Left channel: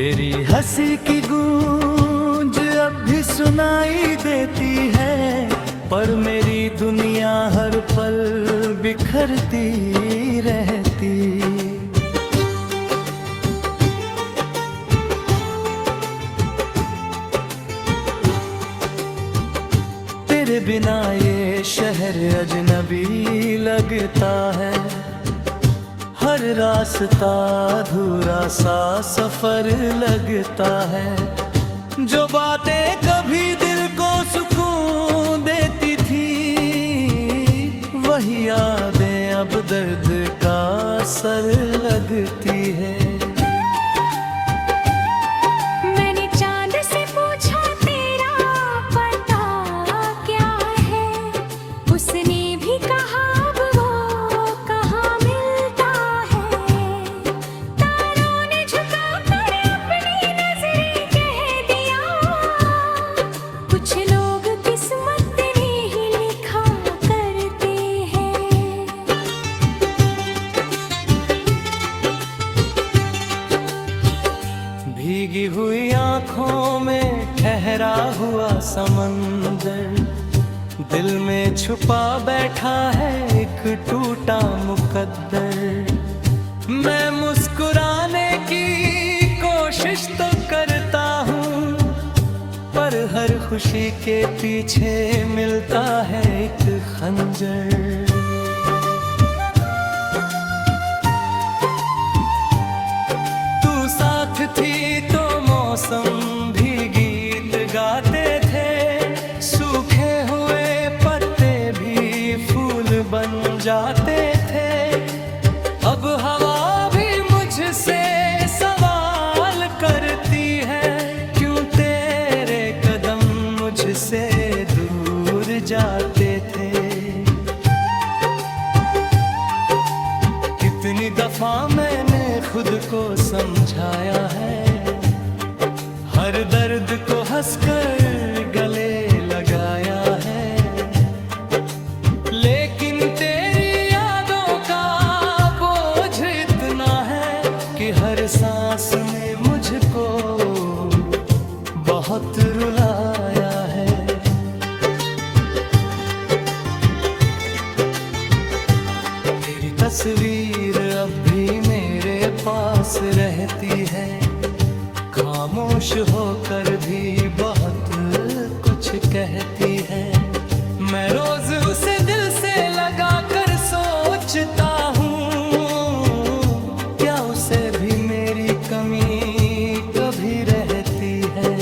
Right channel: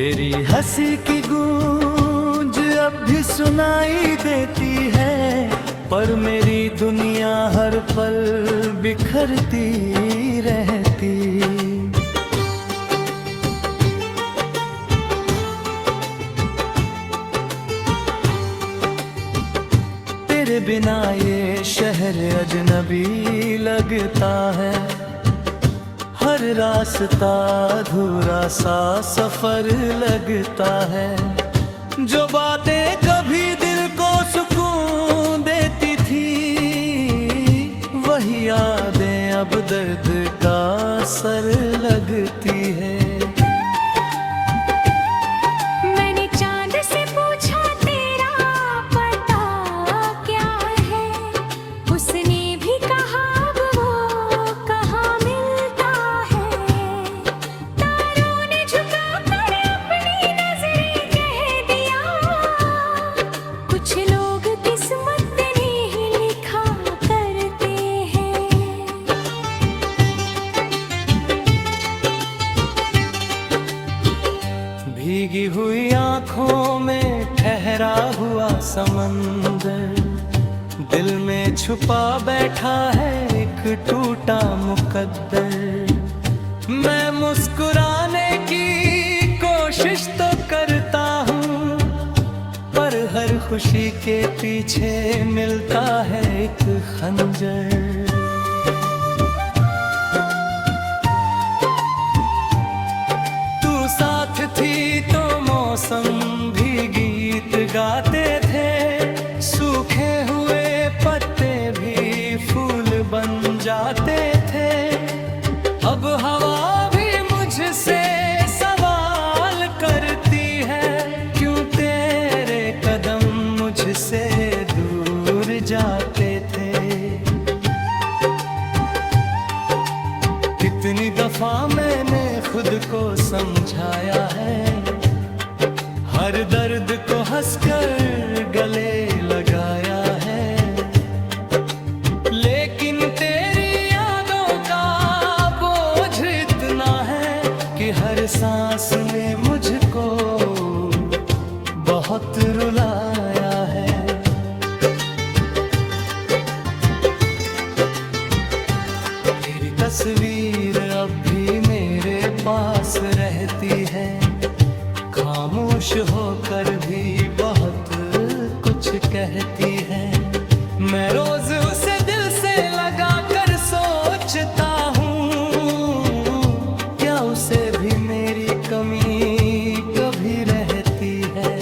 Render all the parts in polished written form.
तेरी हंसी की गूंज अब भी सुनाई देती है, पर मेरी दुनिया हर पल बिखरती रहती। तेरे बिना ये शहर अजनबी लगता है, हर रास्ता अधूरा सा सफर लगता है। जो बातें कभी दिल को सुकून देती थी, वही यादें अब दर्द का असर लगती है। मैंने चांद से पूछा तेरा पता क्या है, उसने भी कहा अब वो कहाँ मिलता है। तारों ने झुका कर अपनी नजरें कह दिया, कुछ लोग किस्मत ने ही लिखा करते हैं। भीगी हुई आँखों में ठहरा हुआ समंदर, दिल में छुपा बैठा है एक टूटा मुकद्दर। मैं मुस्कुराने की कोशिश तो करता हूँ, पर हर खुशी के पीछे मिलता है एक खंजर। साथ थी तो मौसम भी गीत गाते थे, सूखे हुए पत्ते भी फूल बन जाते थे। अब हवा भी मुझसे सवाल करती है, क्यों तेरे कदम मुझसे दूर जाते थे। कितनी दफा मैंने खुद को समझाया है, हर दर्द को हंसकर गले लगाया है। लेकिन तेरी यादों का बोझ इतना है कि हर सांस में मुझको बहुत रुलाया है। तस्वीर अब भी मेरे पास रहती है, खामोश होकर भी बहुत कुछ कहती है। मैं रोज उसे दिल से लगा कर सोचता हूँ, क्या उसे भी मेरी कमी कभी रहती है।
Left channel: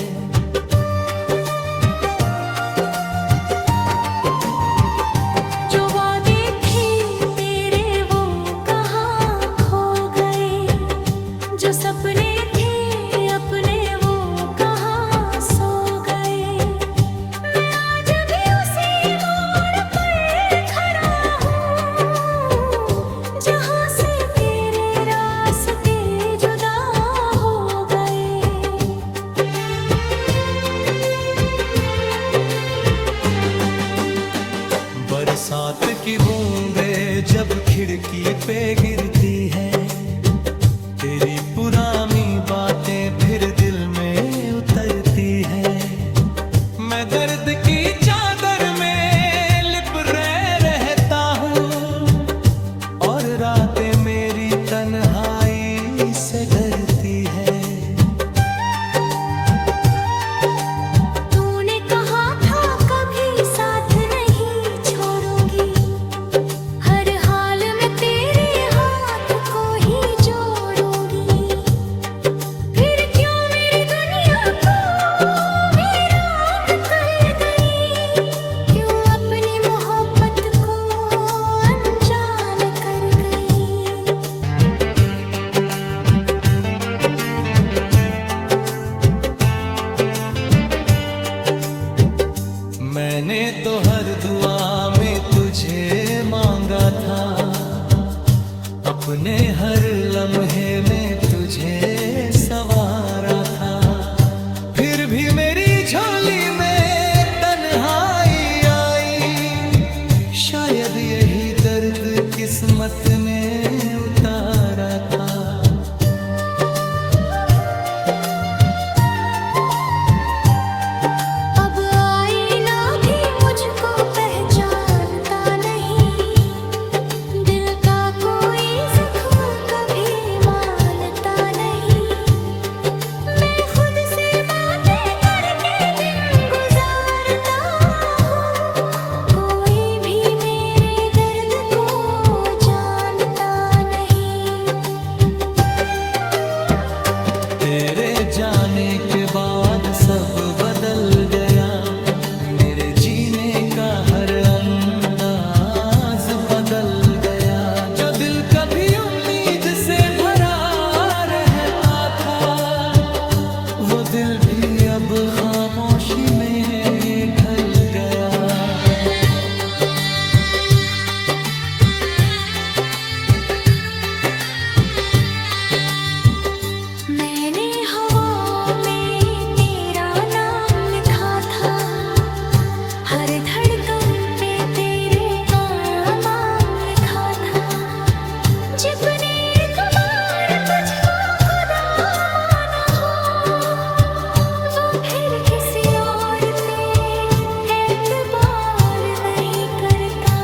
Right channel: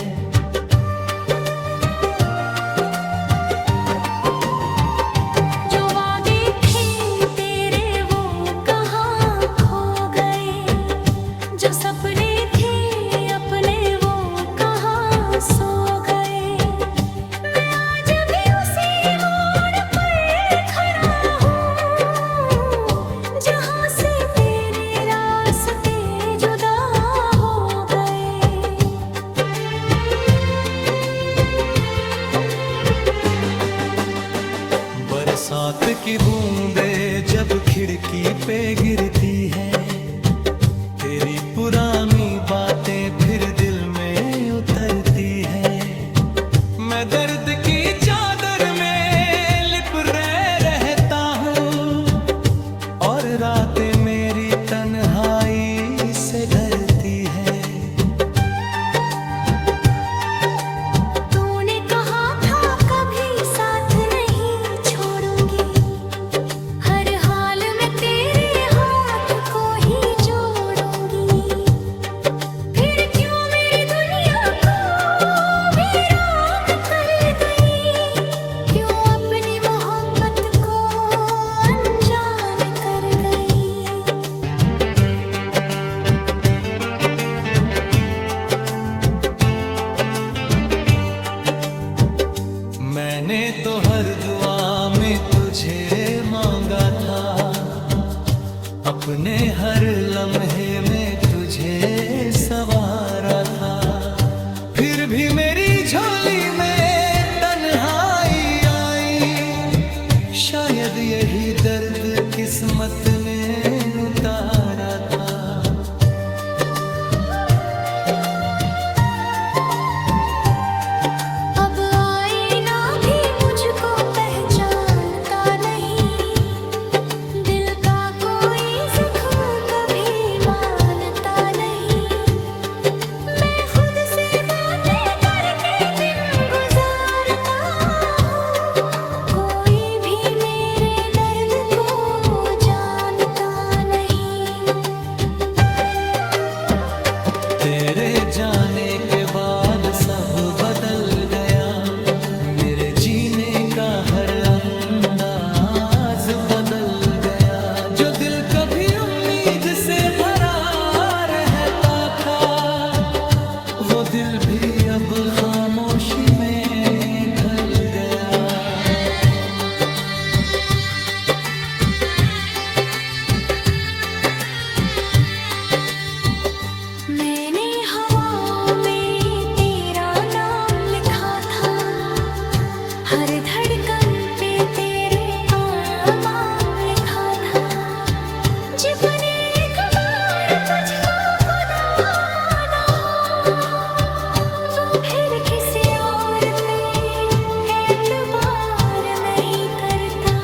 जो सपने थे अपने वो कहाँ सो गए। मैं आज भी उसी मोड़ पर खड़ा हूँ, जहाँ से तेरे रास्ते जुदा हो गए। बरसात की बूंदें जब खिड़की पे गिरती है, तेरी पुरानी बातें फिर दिल में उतरती है। मैं दर्द की चादर में लिप रहता हूँ, और रातें मेरी तन्हाई से डरती है। तूने कहा था कभी साथ नहीं छोड़ूंगी, हर हाल में तेरे हाथ को ही मैंने तो हर दुआ में तुझे मांगा था, अपने हर लम्हे में तुझे सवारा था। फिर भी मेरी झोली में तन्हाई आई, शायद यही दर्द किस्मत ने उतारा था। तेरे जाने के बाद सब बदल गया, मेरे जीने का हर अंदाज बदल गया। जो दिल कभी उम्मीद से भरा रहता था, वो दिल भी अब खामोशी में ढल गया। मैंने हवा में तेरा नाम लिखा था, हर धड़कन पे तेरे का नाम लिखा था। जिसने एक बार तुझको खुदा माना हो, वो फिर किसी और पे एतबार नहीं करता।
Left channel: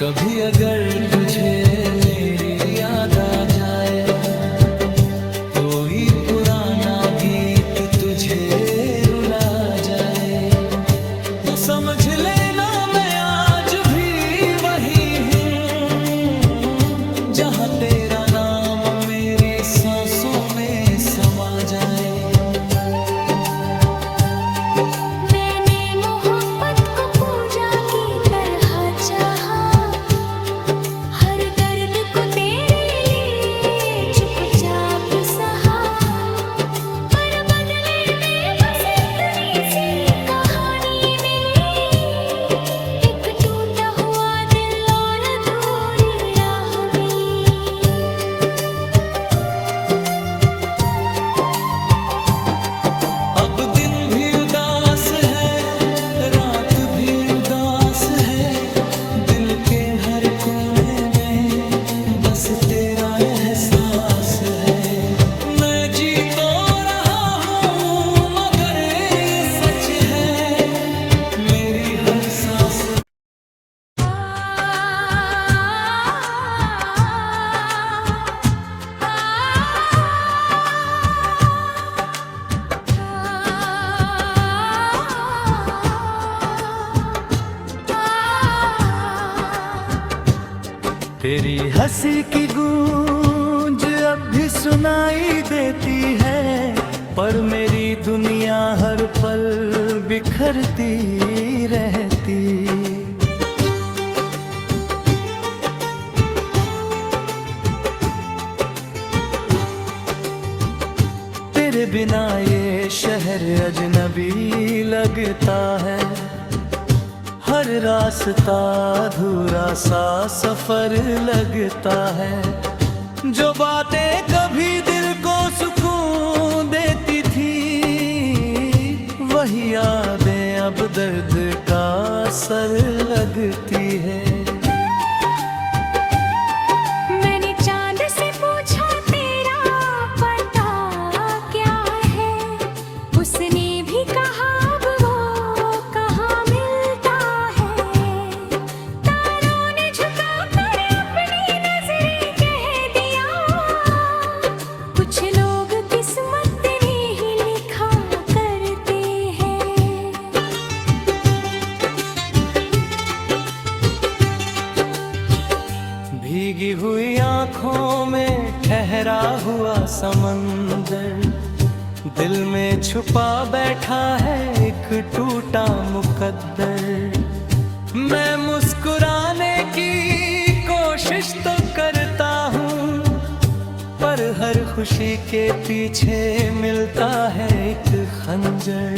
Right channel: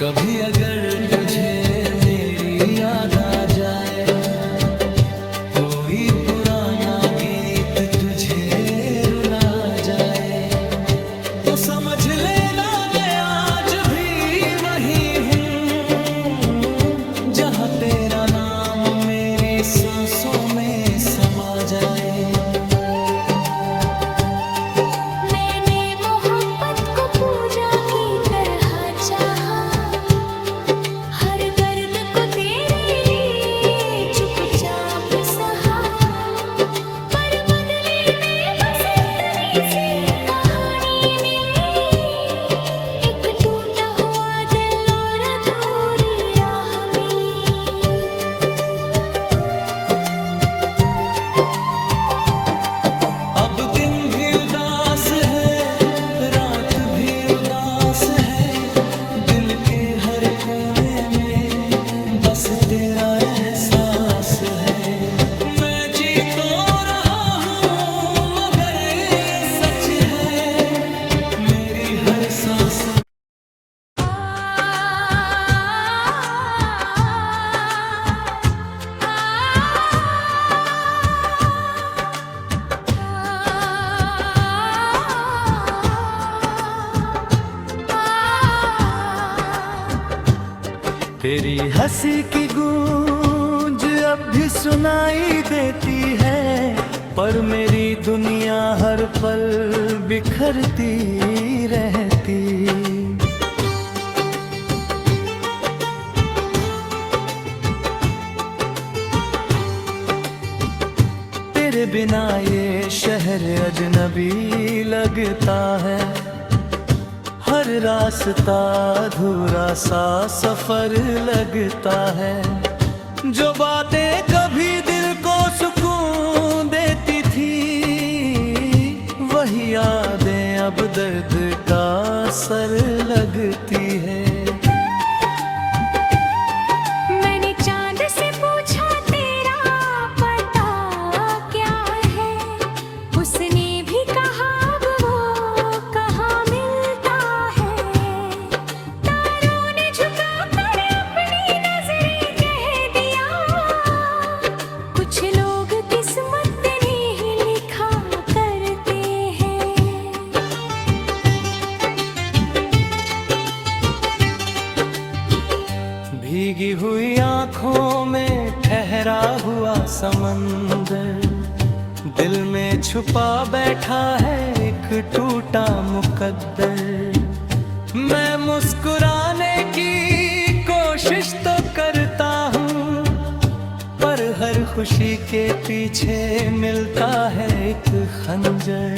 कभी अगर तुझे मेरी याद आ जाए, कोई पुराना गीत तुझे रुला जाए, तो समझ लेना मैं आज भी वही हूँ, जहाँ तेरा नाम मेरी सांसों में समा जाए। मैंने मोहब्बत को पूजा की तरह चाहा, हर दर्द को तेरे लिए चुपचाप सहा। पर बदले में बस इतनी सी कहानी मिली, एक टूटा हुआ दिल और अधूरी राह मिली। अब दिन भी उदास है, रात भी उदास है, दिल के हर कोने में बस तेरा एहसास है। मैं जी तो रहा हूँ मगर ये सच है, मेरी हर सांस तेरी हंसी की गूंज अब भी सुनाई देती है, पर मेरी दुनिया हर पल बिखरती रहती। तेरे बिना ये शहर अजनबी लगता है, हर रास्ता अधूरा सा सफर लगता है। जो बातें कभी दिल को सुकून देती थी, वही यादें अब दर्द का असर लगती है। मैंने चांद से पूछा तेरा पता क्या है, उसने भी कहा अब वो कहाँ मिलता है। तारों ने झुका कर अपनी नजरें कह दिया, कुछ लोग किस्मत ने ही लिखा करते हैं। भीगी हुई आंखों में ठहरा हुआ समंदर, दिल में छुपा बैठा है एक टूटा मुकद्दर। मैं मुस्कुराने की कोशिश तो करता हूँ, पर हर खुशी के पीछे मिलता है एक खंजर।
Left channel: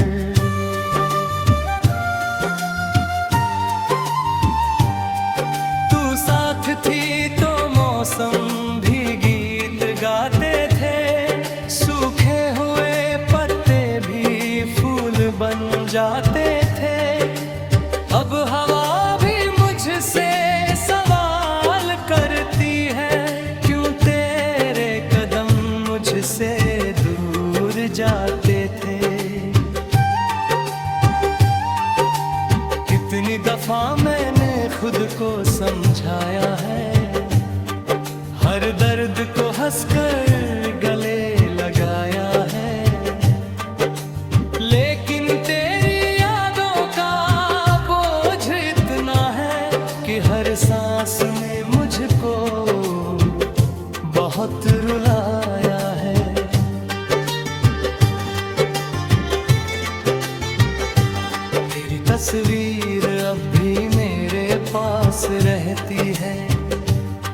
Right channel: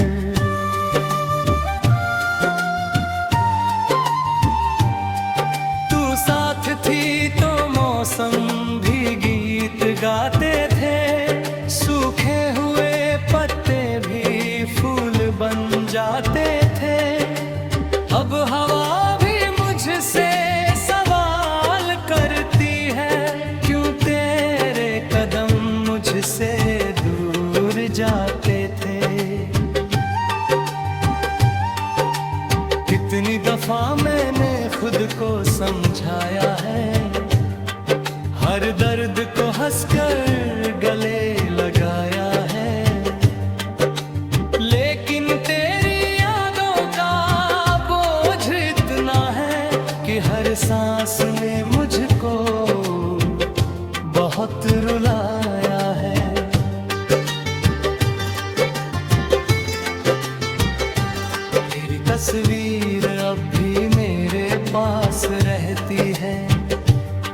साथ थी तो मौसम भी गीत गाते थे, सूखे हुए पत्ते भी फूल बन जाते थे। अब हवा भी मुझसे सवाल करती है, क्यों तेरे कदम मुझसे दूर जाते थे। कितनी दफा मैंने खुद को समझाया है, हर दर्द को हंसकर गले लगाया है, लेकिन तेरी यादों का बोझ इतना है कि कि हर सांस ने मुझको बहुत रुलाया है। तेरी तस्वीर अब भी मेरे पास रहती है,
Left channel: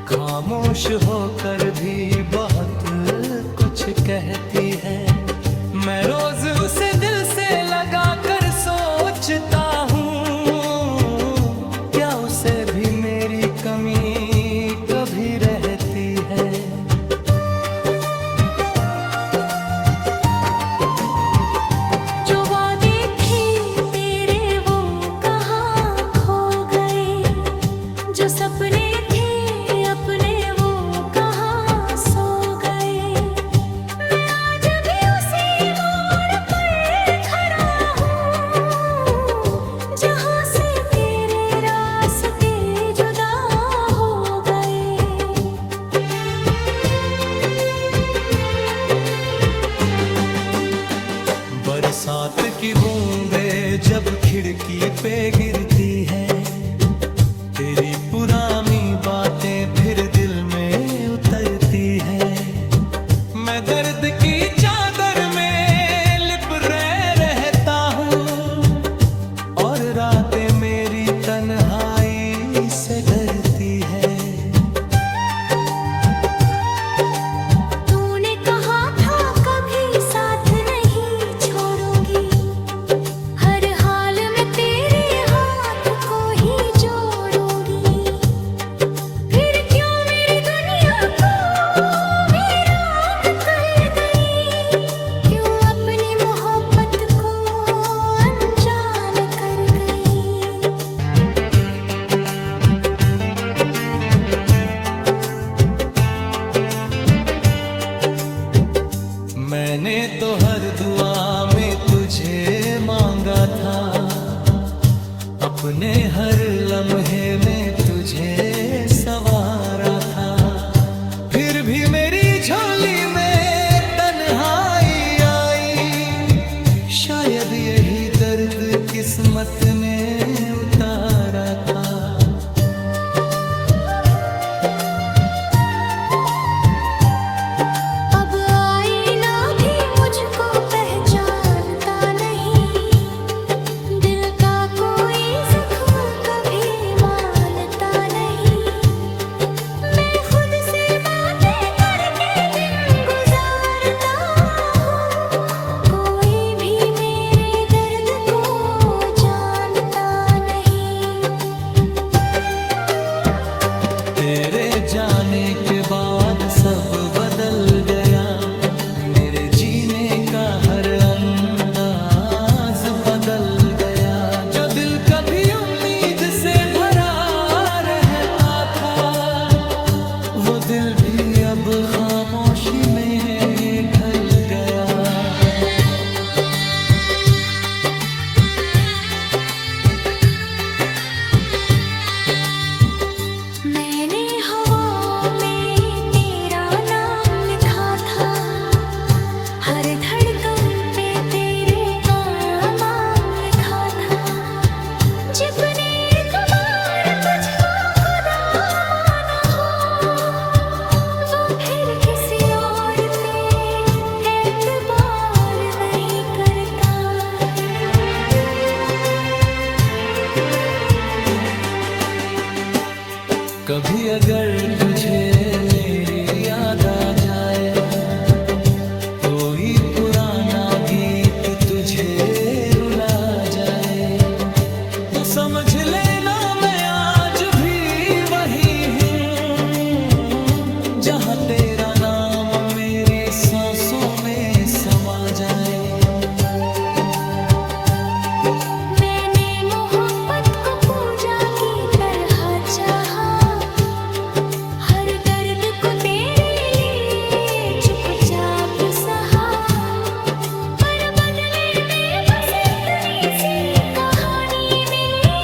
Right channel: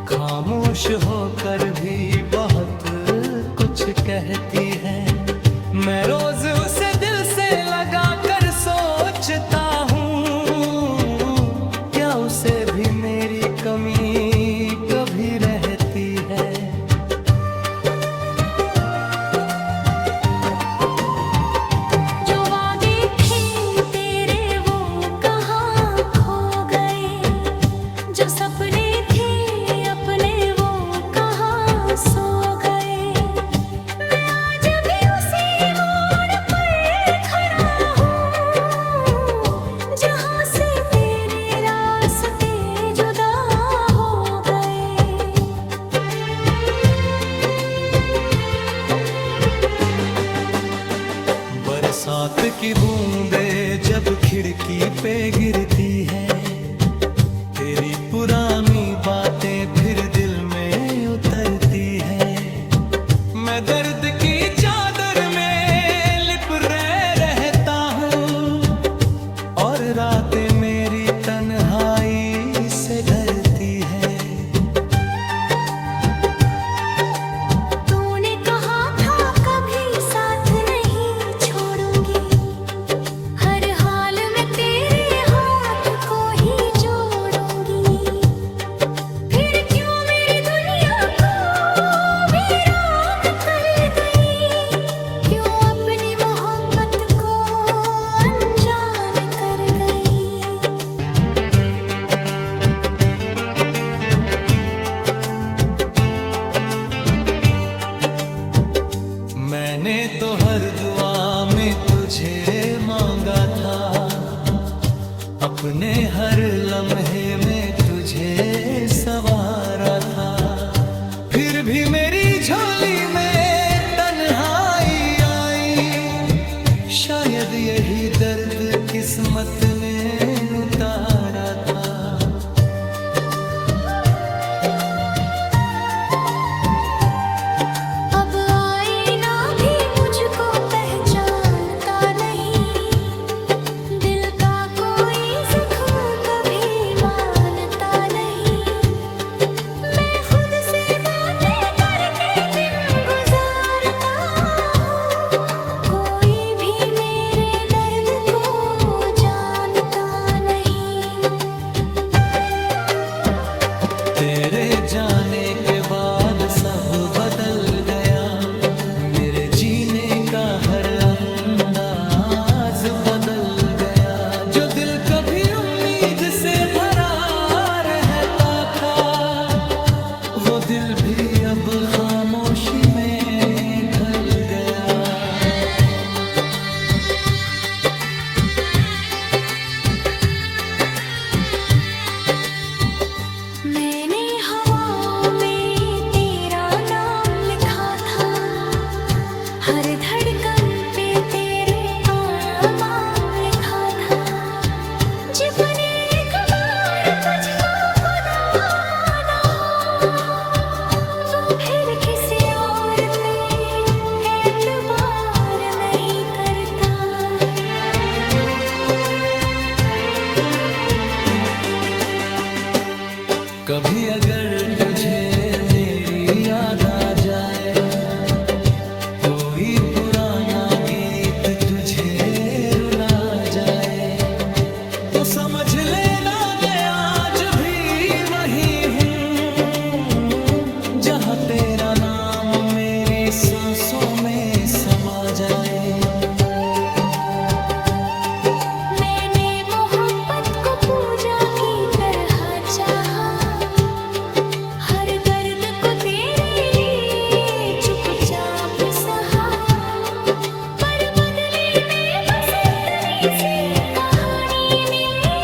खामोश होकर भी बहुत कुछ कहती है। मैं रोज उसे दिल से लगा कर सोचता हूँ, क्या उसे भी मेरी कमी कभी रहती है। जो वादे थे तेरे वो कहाँ खो गए, जो सपने थे अपने वो कहाँ सो गए। मैं आज भी उसी मोड़ पर खड़ा हूँ, जहाँ से तेरे रास्ते जुदा हो गए। बरसात की बूंदें जब खिड़की पे गिरती है, तेरी पुरानी बातें फिर दिल में उतरती है। मैं दर्द की चादर में लिप रहता हूँ, और रातें मेरी तन्हाई से डरती है। तूने कहा था कभी साथ नहीं छोड़ूंगी, हर हाल में तेरे हाथ को ही जोड़ूंगी। फिर क्यों मेरी दुनिया को वीरान कर गई, क्यों अपनी मोहब्बत को अनजान कर गई। मैंने तो हर दुआ में तुझे मांगा था, अपने हर लम्हे में तुझे सवारा था। फिर भी मेरी झोली में तन्हाई आई, शायद यही दर्द किस्मत ने उतारा था। अब आईना भी मुझको पहचानता नहीं, दिल का कोई जख्म कभी मानता नहीं। मैं खुद से बातें करके दिन गुजारता हूँ, कोई भी मेरे दर्द को जानता नहीं। तेरे जाने के बाद सब बदल गया, मेरे जीने का हर अंदाज बदल गया। जो दिल कभी उम्मीद से भरा रहता था, वो दिल भी अब खामोशी में ढल गया। मैंने हवा में तेरा नाम लिखा था, हर धड़कन पे तेरे का नाम लिखा था। जिसने एक बार तुझको खुदा माना हो, वो फिर किसी और पे एतबार नहीं करता। कभी अगर तुझे मेरी याद आ जाए, कोई पुराना गीत तुझे रुला जाए, तो समझ लेना मैं आज भी वही हूँ, जहाँ तेरा नाम मेरी सांसों में समा जाए। मैंने मोहब्बत को पूजा की तरह चाहा, हर दर्द को तेरे लिए चुपचाप सहा। पर बदले में बस इतनी सी कहानी मिली,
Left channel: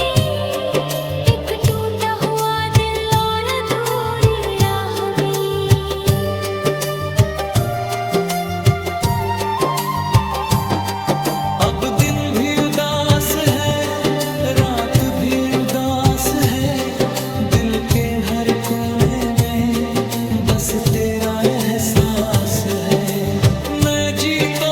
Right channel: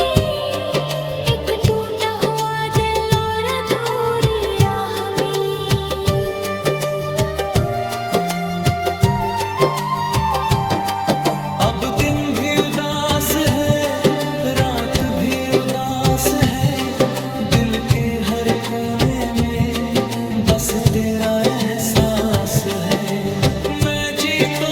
एक टूटा हुआ दिल और अधूरी राह मिली। अब दिन भी उदास है, रात भी उदास है, बस तेरा एहसास है। मैं जी तो